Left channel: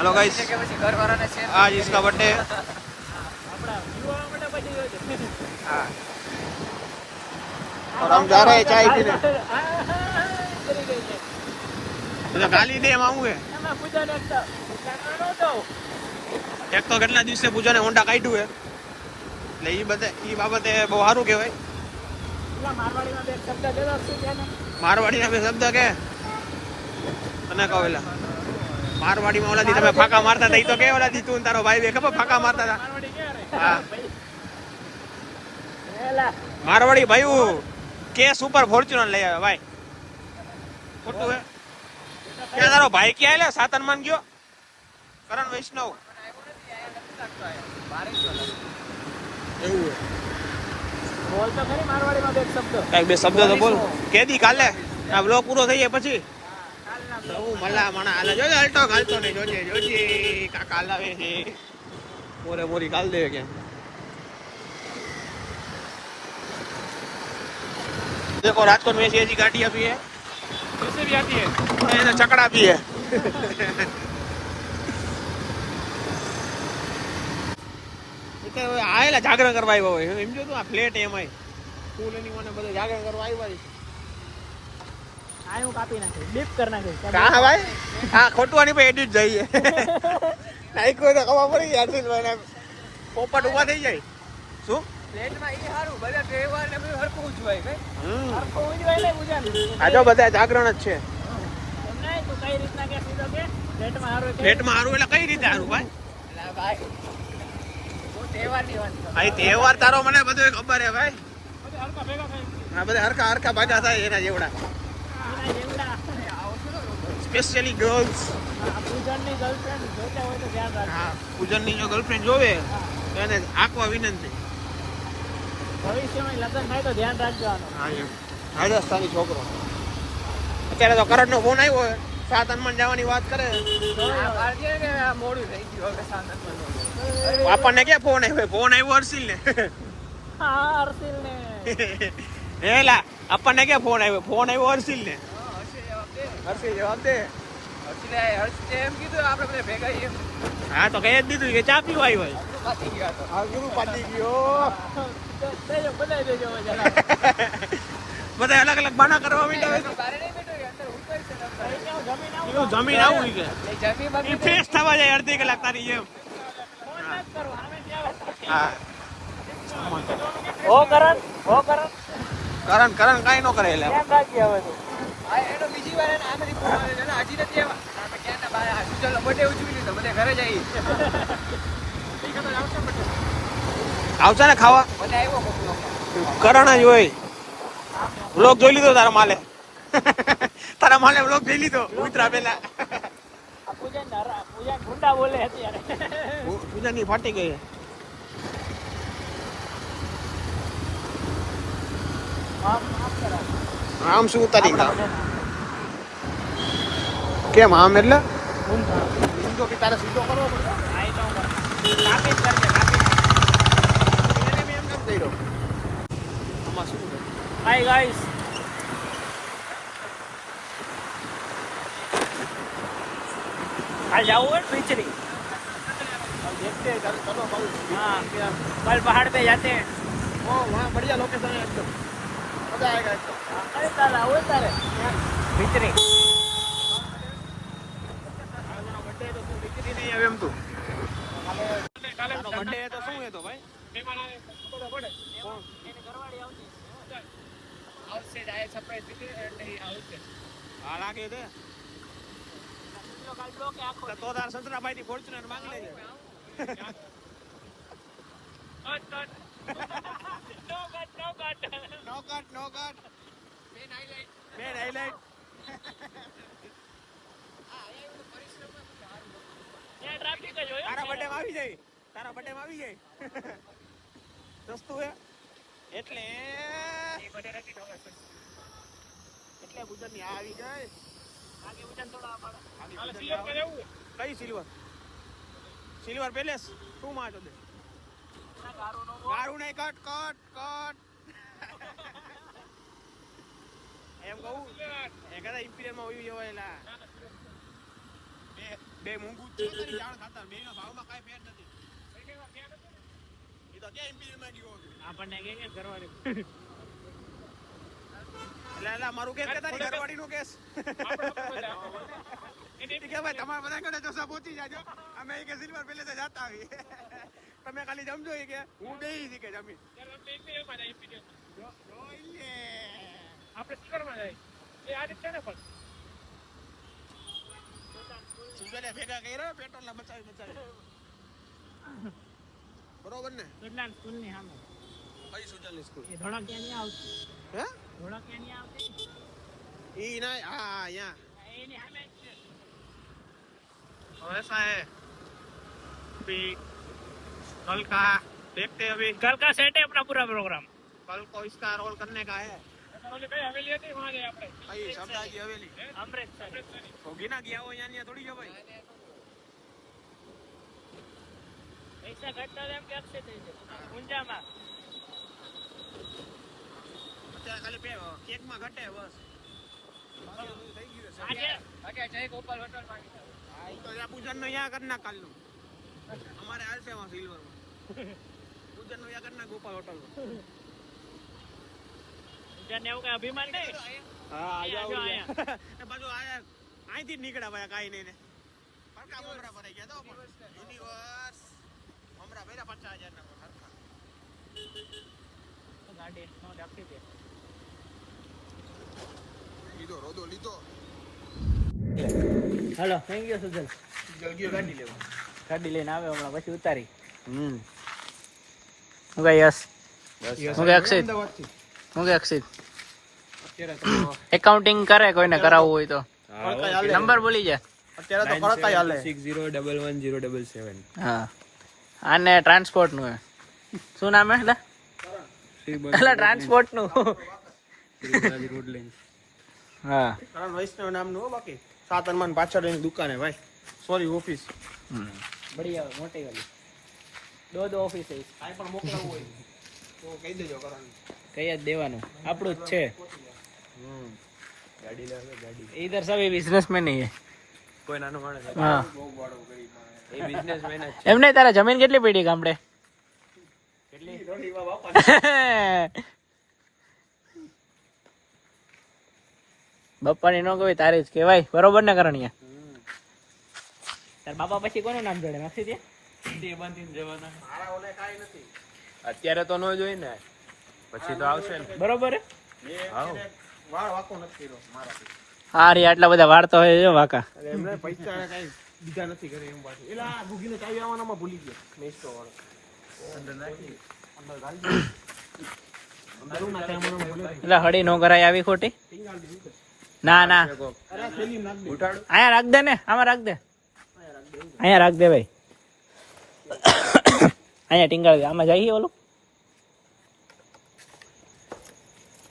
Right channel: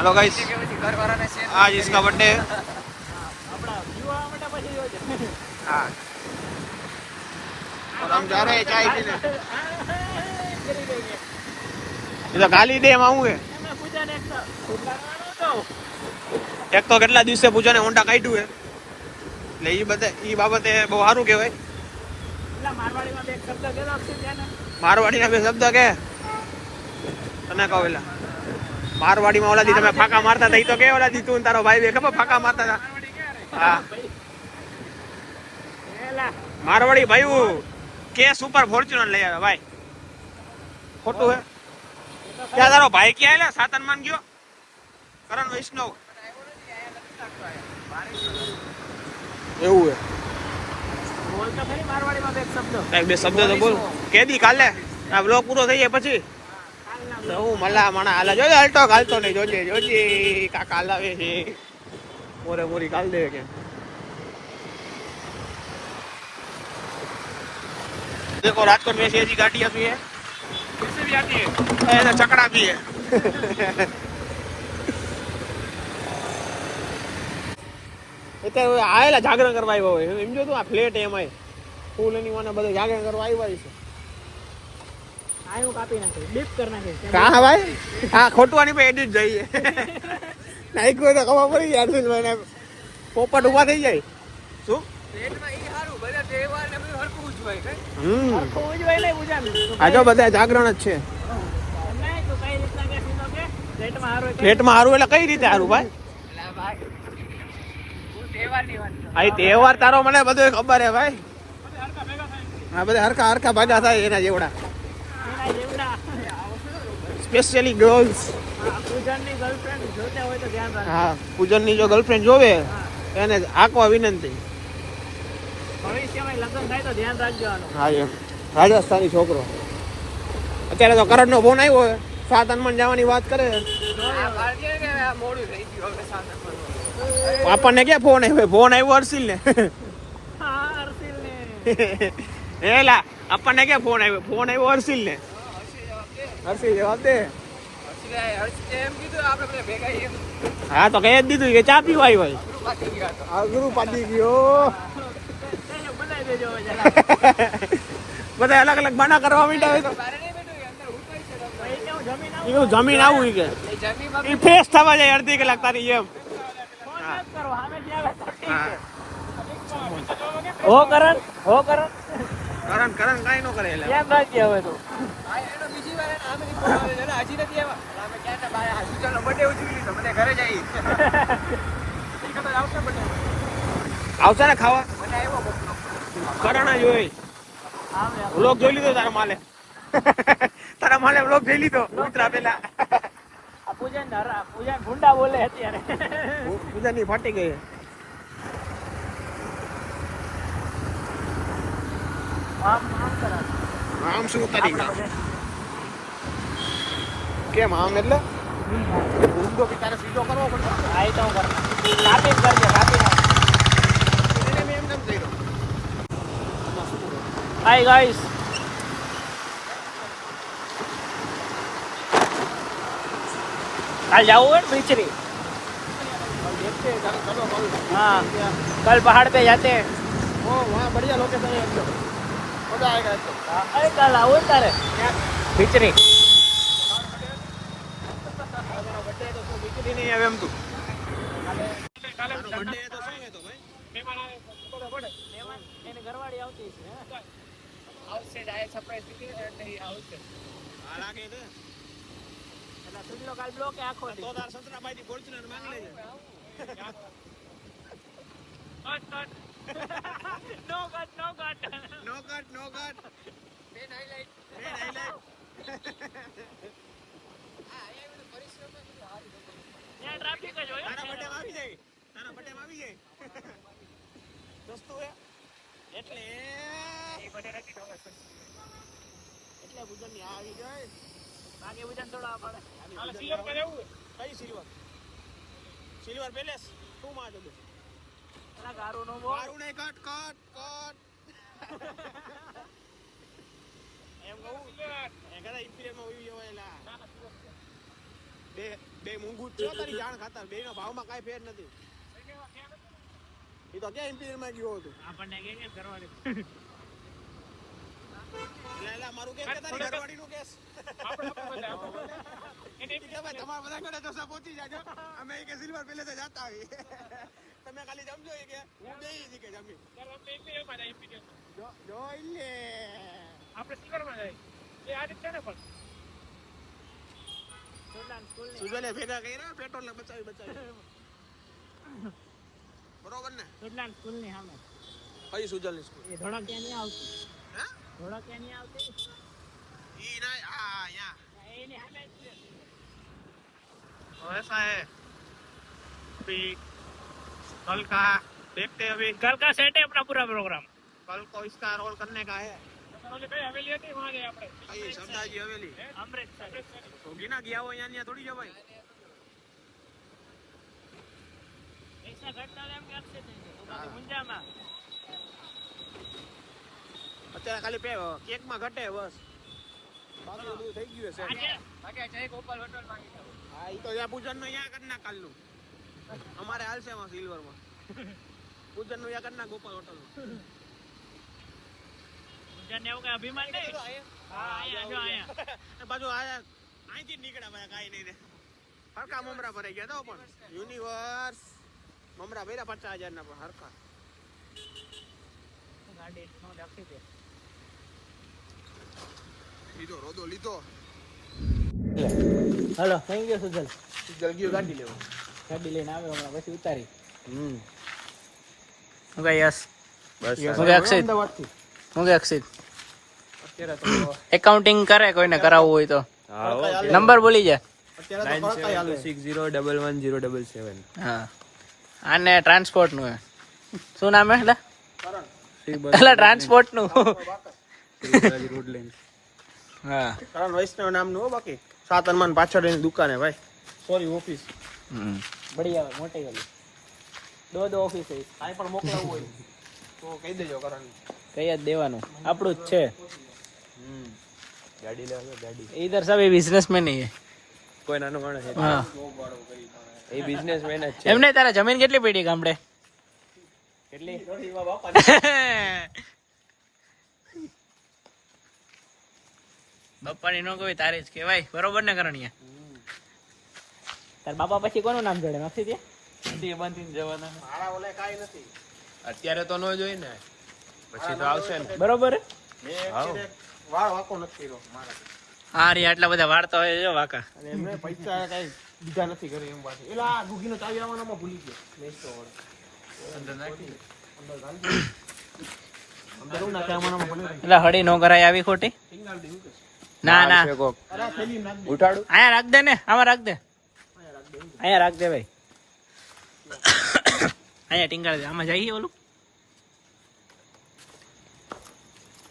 Hello guys, आज इसका birthday है। हाँ, और हम जा रहे हैं चाय पीने। तो गाली दे हम आऊंगे। एक तो કેટલા દિવસે પૂજાને હોન્ડા કાઢ્યું હે એટલે ઈ બાબતે બહુ સારું કહેવાય. મારવાડીના બે શબ્દ કે તને કહો એલા મારવાડીમાં ઓલાથી તમે ફાકા મારતા હતા, તો કે ઓલાથી તું તારો ભાઈ બે ખબર ફાકા મારતા હતા. હા, મારવાડી ભાઈ કે સુપર ફોર્ચ્યુનર લઈ આવે ભાઈ, ખોટું હે? ક્યાં તારો ભાઈ ક્યાં એટલે સાતન માન ગયો કરણ વૈષ્ણવ એવું હે? બોલ તો ખરી મારવાડીમાં બે શબ્દ, કઈ બે શબ્દ તો બોલ. કેદી કાલે આ બ્લોગ પૂરો થઈ જાય પછી હું મલા મણા હાલે જોજે, હલતો હાલતો નહીં જોજે જોજે કાકા હલાવે છે મોરે મોરી કાલ દે કે. देखो राजकोट में ऐसी गाड़ियां भी है, कैसे भी आती है, ऐसा चकड़ा भी है. आएला जागरण करवा આવ્યો હોય એમ જો તું આ ફ્લેટ એમ આય ફૂલ એની મને બધું જાગરણ કરવા આવ્યો છે. આયું કાપી નાખે ડીપ કરી નાખે કા ભાઈ? હા, ખોટવાની પે એડિટ જઈએ નાઈ કોઈ તો ખબર પડી યાર ભાઈને પોપટ ઉભા થઈ જાય. શું ફ્લેટમાં ઈ હારું બધા તહેવાર ને બધું હરખું ઉજવાય કે હરખું ઉજવાય લે પૂજા આ જો બધા જાગરણ જ છે. એમને તો કઈ રીતના કે સીધો કે ફ્લેટમાં હારું એટલે કઈ રીતે હારું ભાઈ? લા ભાઈ તહેવાર તહેવાર તારો મને બધું ખબર હે ભાઈ. હા, બધા હરખા હરખા ભાગા થાય એના જેવડા સ્પેશિયલી ગર્લ્સ. પૂજનની ગર્લફ્રેન્ડ જોતા હોય તો ધ્યાન રાખજો. હા, પૂજનની જો ગર્લફ્રેન્ડ જોવે એને આંકવા વિનંતી. ભવિષ્યમાં લગ્ન થાય તો ધ્યાન રાખજો આનું. હા, એમ રાજસ્થાની છોકરો. અત્યારે તો કરણનો ફોન આવ્યો હોય, 7 અનમન જવાની વાત કરે. આપણને ક્યાં ફોન આવ્યો? ફોન આવ્યો હર્ષિલ ને. હા, હર્ષિલ ને એલા આપણને ક્યાં ફોન આવ્યો? ફોન આવ્યો હર્ષિલ ને. હર્ષિલ જવાબ દે. હા, તો કઈ જ દીધું કે ચા પીવા આવ્યો. ગુરુ પાડી ગયો. બધા અલગ અલગ બાના કરવા માંડ્યા. જમીન આવું કે ફ્રેશ થવા જાય અડધી કલાક તારી જેમ. હા, કરણ કઈ નો કરે આવશે ને ખાવા. કરણ જ હોય. વ્લોગ જોઈ લીધો તારા માલે? તારા માલે વ્લોગ જોઈ લીધો ઉતરા પેલા? પૂજા ની ફાટી ગઈ. આમ શું ઉતારી કેમ આમ એટલે ઊંધો કે તારે સીધો કરવો પડતો. હાય ગાઈસ, कल जाओ नीचे कल देखते हैं चलो कल. हाँ, कल पहाड़ पे जाते हैं. वो वहाँ बढ़िया लोकेशन है एकदम, मजा आएगा एकदम. अरे कल आओ तारे बिचरी बर्थडे तो શું बिचरी नहीं આવે એમ તું કાલે બર્થડે તો શું હે તો ભાઈ મહેમાન આવે ખબર પડે કોણ એની ઘરવાળી આવતી આવશે જાય સરપ્રાઈઝ बिचरी નહીં આવશે. હા, લાગે દે તો તાર સંતરાભાઈ થી ફોર્ચ્યુનર માંગ લેજે. નો કટ મેન હાઈલાઈટ. ટ્રાફિક જ હોય. તારા બર્થડે માં આવી જાય દોસ્તો હે એટલે પૂજન ની આવી ગઈ. આગે પૂજન થોડા પડે. હાલે સિલ્વર પર જવું. કઈ સિલ્વર પેલેસ તું માં જો દે. ગારું નહીં કટ એમ કહું એ કદા ઇમ્પિરિયલ માં હોય એલા બે બે મોંઘું જ છે તારી જાણ ખાતર, બે નો ભાવમાં કાંઈ ફેર નથી. એ તો ક્યાં ઇમ્પિરિયલ માં ગયો હતો આપણને કે કરવાની એટલે મારું કેસ કે તારી ઘરવાળીનું કેસ કે ભાઈ તમારા બધા ઘરે તો પહોંચી જાજો, અમે કે સિલ્વર પેલે તો જાતા આવી તમે ખાલી સમજો કે હું દેઈ કે જમીન જોઈ લે આપણે સિલ્વરમાં જાય એ આ રીતે ને પણ સુજલે ભેગા કર્યો પેટ્રોલ ને બચાવી બરોબર ને સુજલાન સ્કૂલ ની સામે કઈ સુજલ ની સ્કૂલ એ ધોળા ક્યાં નહીં આવતી હે ધોળા ક્યાં નહીં આવતી ઈ ના હા યહાं એની સામે જ છે तो ऐसा है अभी कल का देखते हैं, अभी कल का सेट है अपना पूरा प्रोग्राम कल को इसका रोल करने का है. कई हवेली હતી वहां જાય આપણે भाई शब्दाजी हवेली અમૃતસર होगी ना, गया हो यहाँ थोड़ी जो भाई પૈસા ઘટતા એમ કે અક્ષય થઈ જાય મુંજામાં અત્યારે ખાલી કેક માં ઘટે બસ આગે જય ગોપાલ હોટલ માં હા ઈ તો ત્યાં પૂજન નું અહીંયા કરના કાલ નું અમારે હાલશે માં સિલ્વર માં પૂજન નું અહીંયા કરના ગોપાલ હોટલ માં જને એવું કઈ અભિમાન નહીં હા અહીંયા જો અહીંયા બાજુ આયા અહીંથી જ નીકળ્યા ભાઈ કાઈ નહીં ને હરકા મમરા ભરાઈ ગયા તો પણ યુનિવર્સ મમરા ભર્યા 50,000 ના પણ હરકા ગાડી નો રાખી દે લીધો રોદો લીધો હાલો થેન્ક યુ સુજલ જલ્દી ગાડી લેવો ગાડી લઈને આવે હમણાં પછી ઉતારી હું કે યસ હું કે અક્ષિત હું કે અક્ષિત એકાઉન્ટિંગ કરે કોઈને કરાવવું હોય તો નંબર બોલી જા અત્યારે તો ફરક હાલે 601107 હા આને ટ્રાન્સપોર્ટ નું શું નામ હે એટલે ટ્રાન્સપોર્ટ નું રોડ લાઈન હા કારણ વૈષ્ણવ નામ નું હો, બાકી સાત હનુમાન પાછળ એની દુકાન હે ભાઈ, સોરી ઓફિસ બઢિયા મોટી વાલી દો ઓફિસ है કાઈ પણ મોકલાવું હોય તો કહી દેજો કરણ કઈ જ દેવાનું આપણું જ છે ગાડી લેવા ગાડી इधर सभी बिजनेसमैन ही है કોઈ નાનો માણસ હા બહુ વાળો કરી માણે એ બિઝનેસમેન જ છે. એમ નહીં તારા જમીન કેટલી પડી ગામડે કેટલી થોડી વા બાપા બપ્પાની નો કહેવાય તારી જ કહેવાય બરોબર ને કરણીયા તાર બાપા પછી કોનું નામ જોડે નક્ષી દે તે બાંધીને જવાના મારા ઓલે કાઈ નથી અત્યારે તો ન જોઈ ને પછી તો આવશે ને બરોબર હે? હાઉ વાળ વાકો નથી કર્યો મારે હા રે આટલા બધા વાળતો હોય છે વાકા એટલે એમને પૈસા કાઈ દીધા નથી કરે એમ પાછી એલા ગુગીનો ચાવી આવવાનામાં ભૂલી ગયો નેસ્તો વાળો અંદર નાખી અંદર ગાડી અંદર હું નાખે આવવાનામાં ભૂલી ગયો એટલે હળી નો કરાય આવી ખોટી સિગ્નલ દે હું કે ના ના અરે આ થેલી નાખ દે ઉઠાડું અહીંયા રાખ દે ને આમાં રાખ દે અહીંયા રાખ દે અહીંયા રાખ દે ભાઈ અહીંયા ટીંગાળ દે આમાં જઈએ ઓલું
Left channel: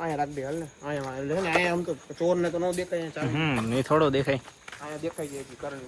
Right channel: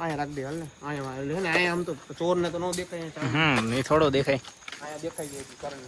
અહીંયા રાખ દે હાલ ને અહીંયા લે ને અહીંયા આમ તો ચોર ને તો નો દેખાય અહીંયા ચાવી એ થોડો દેખાય અહીંયા દેખાઈ ગઈ હતી કરણ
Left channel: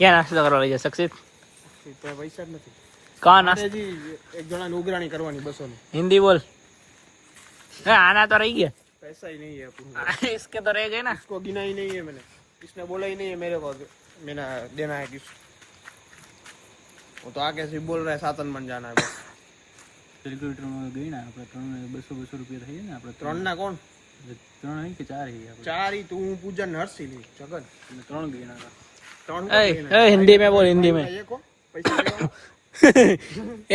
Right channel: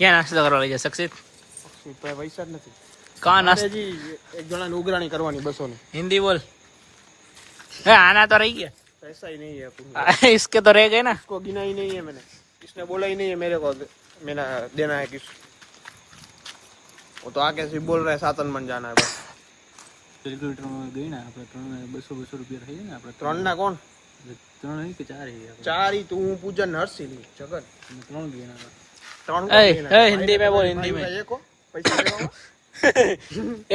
ક્યાં નાસ્તો કરવા લઈ જાય સક્ષિત તો પૈસા જ નથી કા નાસ્તો હજી એક જણાની ઉઘરાણી કરવાની 200 ની हिंदी बोल है आना तो रही गया पैसा ही नहीं है अपन इसके तो रह गए ना इसको गिना ही नहीं है मैंने, इसने बोला ही नहीं है मेरे को मैंने देना है किस वो तो आगे से बोल रहा है सातन मन जाना है बस કિલોમીટરમાં ગઈ ને આપણે 200 રૂપિયા થઈ ને આપણે ત્રણ ના કોણ 3 નહીં કે 4 હી આપણે ચાર ही तू पूजन हर्षी ली जगत 3 ગયા ના ત્રણ ए हिंदी में बोल हिंदी में ये को पैसा देना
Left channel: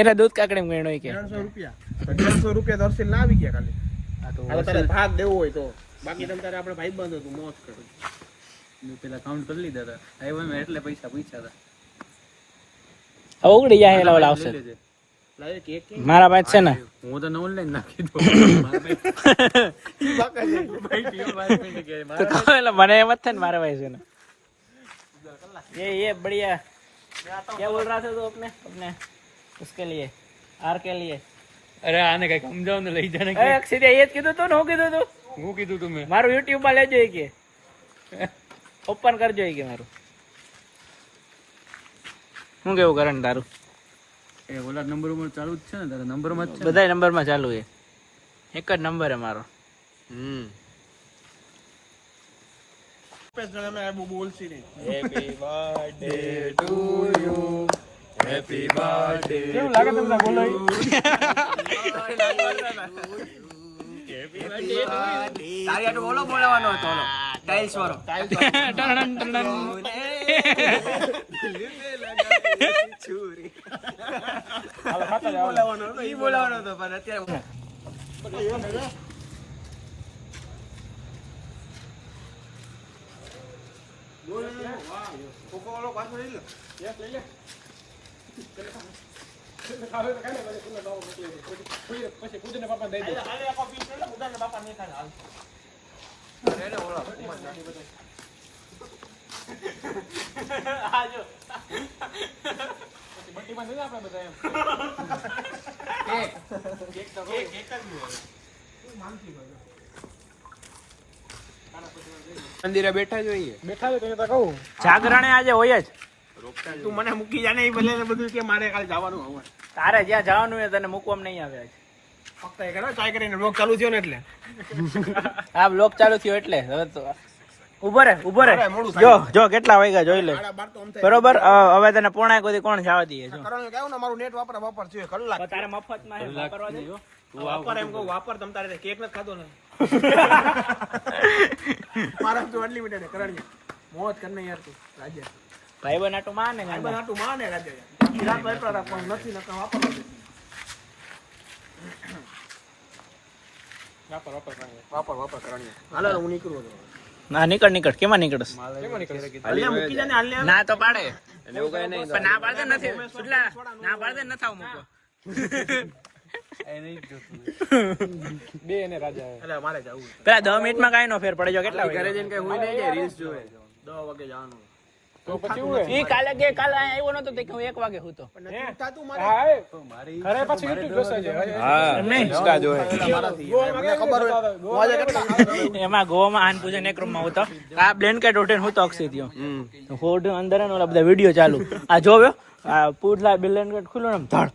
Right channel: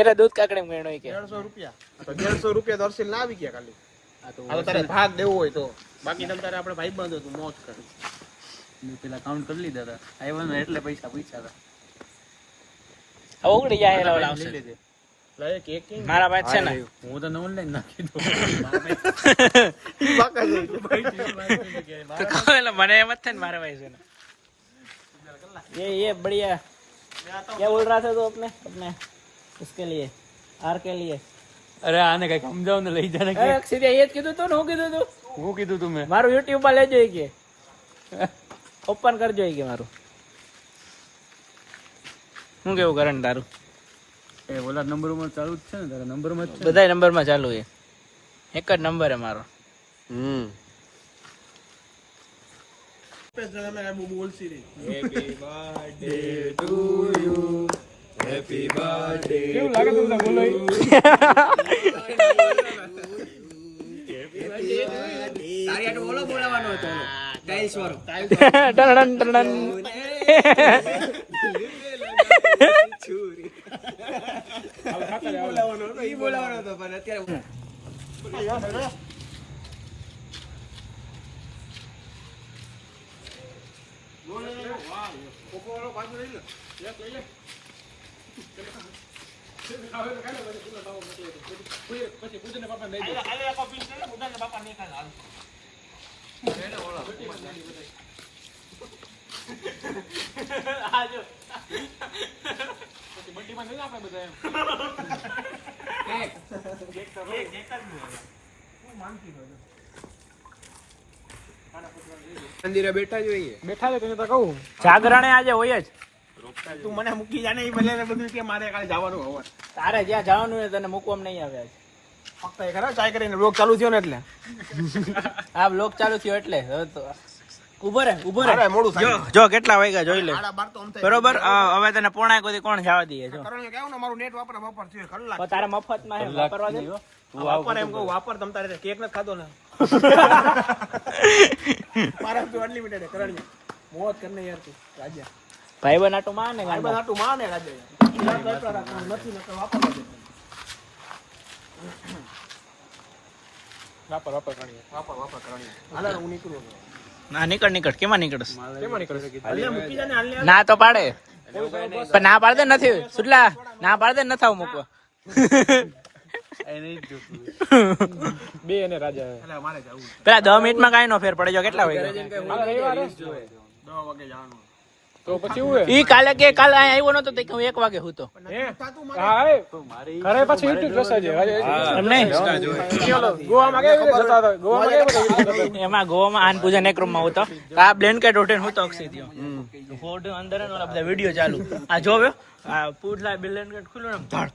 એને દૂધ કાકડી મેણો કે 150 રૂપિયા તો 150 રૂપિયા તો હર્ષી લાવી ગયા ખાલી આ તો હવે તારે ભાગ દેવો હોય તો બાકી તમ તારે આપણે ભાઈ બંધ હતું મોજ કરું મેં પેલા કાઉન્ટ કરી લીધા હતા આવ્યા ને એટલે પૈસા પૂછ્યા હતા હવે ઉડી જાય એના વાળા આવશે લઈ લેજે. લાય કેક કે મારા પાસે છે ને હું તો ઓનલાઈન નાખી દઉં મારા તો કહો એટલે મને એમ જ થાય ને મારા પાસે છે ने ये बढ़िया क्या बोल रहा था तो अपने उसके लिए आर के लिए અરે આને કઈક સમજાવ ને લઈ જાને એ સીધે એ જ કીધું તું ને હું કીધું તું હું કીધું તું મેં મારું યુટ્યુબ માં લેજો કે ઓપન કરજો કે મારું શું કેવું કરે ને તારું એ ઓલા નંબર માં ચાલુ જ છે ને તારા નંબર માં જ છે બધા નંબર માં ચાલુ છે એક જ નંબર હે મારો બોલસી રે happy birthday to you happy birthday કેવું લાગે તમને બોલો તારી આટલું ઓલો બોલાવાનો હતો ઓલો ટાઇલ્સ વાળો ટણન ટણન બોલાવાનો હતો ઈ બોલાવાનો હતો પણ અત્યારે મંદિરે બેઠા જોઈએ બેઠા છે તો કહું જાગરણે આજે હોય જ તું મને મૂકી જાને એ બદલે બધું કે મારે કાલે જવાનું હવે તારે જ્યાં જવાનું હોય તને મૂકવામાં નહીં આવે આજ ફક્ત એ કરે ચાય કરીને બ્લોગ ચાલુ થયો ને એટલે આ બ્લોક ચાલુ થયો એટલે હવે તો ઉભો રે મોડું જો જો કેટલા વાગ્યા જોઈ લે 12 તો આમ થાય બરોબર હવે તને પોણા કોઈ કોણ જવા દઈએ જો કરણને કહ્યું ને મારું નેટ વાપર છે કલાક તો તારે મફત માં વાપરવા દે વાપર એમ કહું વાપર તમ તારે કેક ન ખાધો ને મારા તો અનલિમિટેડ કરણ્યા મોત કરને યાર તું રાજા ભાઈ બનાટો માને આ ગાંડા બધું માને રાજા કિરાત વાપર રાખવાનું નથી નકર વાપરવા દે વાપર કરણ્યા હાલો હું નીકળું છું ના નીકળ કેમાં નીકળસ અલ્યા મૂકી જાને હાલ ના તો પાડે પણ ના પાડે નથી સુટલા ના પાડે નથી આવું મૂકવા બે અને રાજા અરે મારે જવું પેલા 10 મિનિટમાં કાંઈ નો ફેર પડે જો કેટલા વાગે કઈ હોય નહીં રીલ્સ જોવે 10 વાગે જવાનું તો પછી હું ઈ કાલે કાલે અહીંયા આવ્યો નતો તો કે હું 1 વાગે હતો તું મારે હા ઘરે પછી યુટ્યુબ જોશે છે એમ નહીં ગોવામાં કે ખબર હોય એમાં ગોવામાં આન પૂજન એક રૂમમાં હતો આ બ્લેન્કેટ ઉઠીને હું તો અક્ષી થયો તો ફોડ અંદર ને ઓલા બધા વિડિયો ચાલુ આ જોવ્યો આ પૂછલા બ્લેન્કેટ ખુલ્લું ને ધડ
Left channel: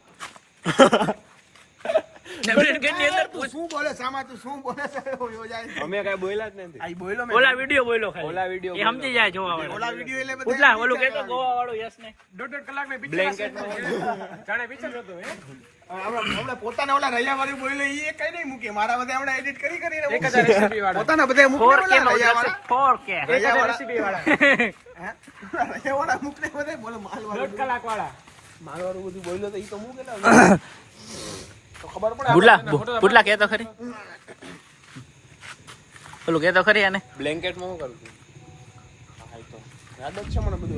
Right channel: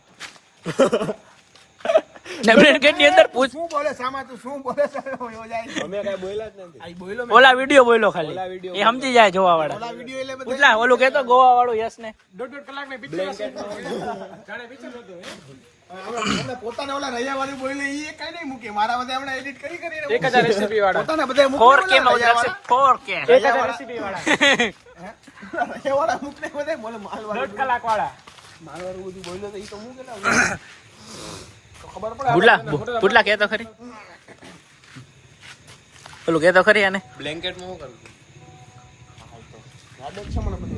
ને બ્લેન્કેટ ની અંદર પૂછ શું બોલે સામા તું શું બોલે અમે કઈ બોલ્યા જ નથી આઈ બોલ્યો ઓલા વિડિયો બોલ્યો ખાલી એ સમજી જાય જોવા વાળા ઓલા વિડિયો એટલે બધા પૂછલા ઓલું કેતો ગોવા વાળો યસ ને 1.5 કલાક ને પિક્ચર જાણે પિક્ચર જોતો હે આપણે પોતાને ઓલા રૈયા વાળી બોલે ઈ કઈ નહીં મૂકે મારા બધે આપણે એડિટ કરીને 1000 રેસીપી વાળા પોતાના બધે મૂકે 4K માં ઉતરશે 4K 1000 રેસીપી વાળા રૈયા વાળા મૂકને બધે બોલે માલ 1.5 કલાક વાળા માલ વાળું બધું બોલ્યો તો ઈ તો મૂકે પૂટલા કેતો ખરી ઓલું કેતો ખરી આને બ્લેન્કેટ માં હું કરું યાદ જ છે મને બધું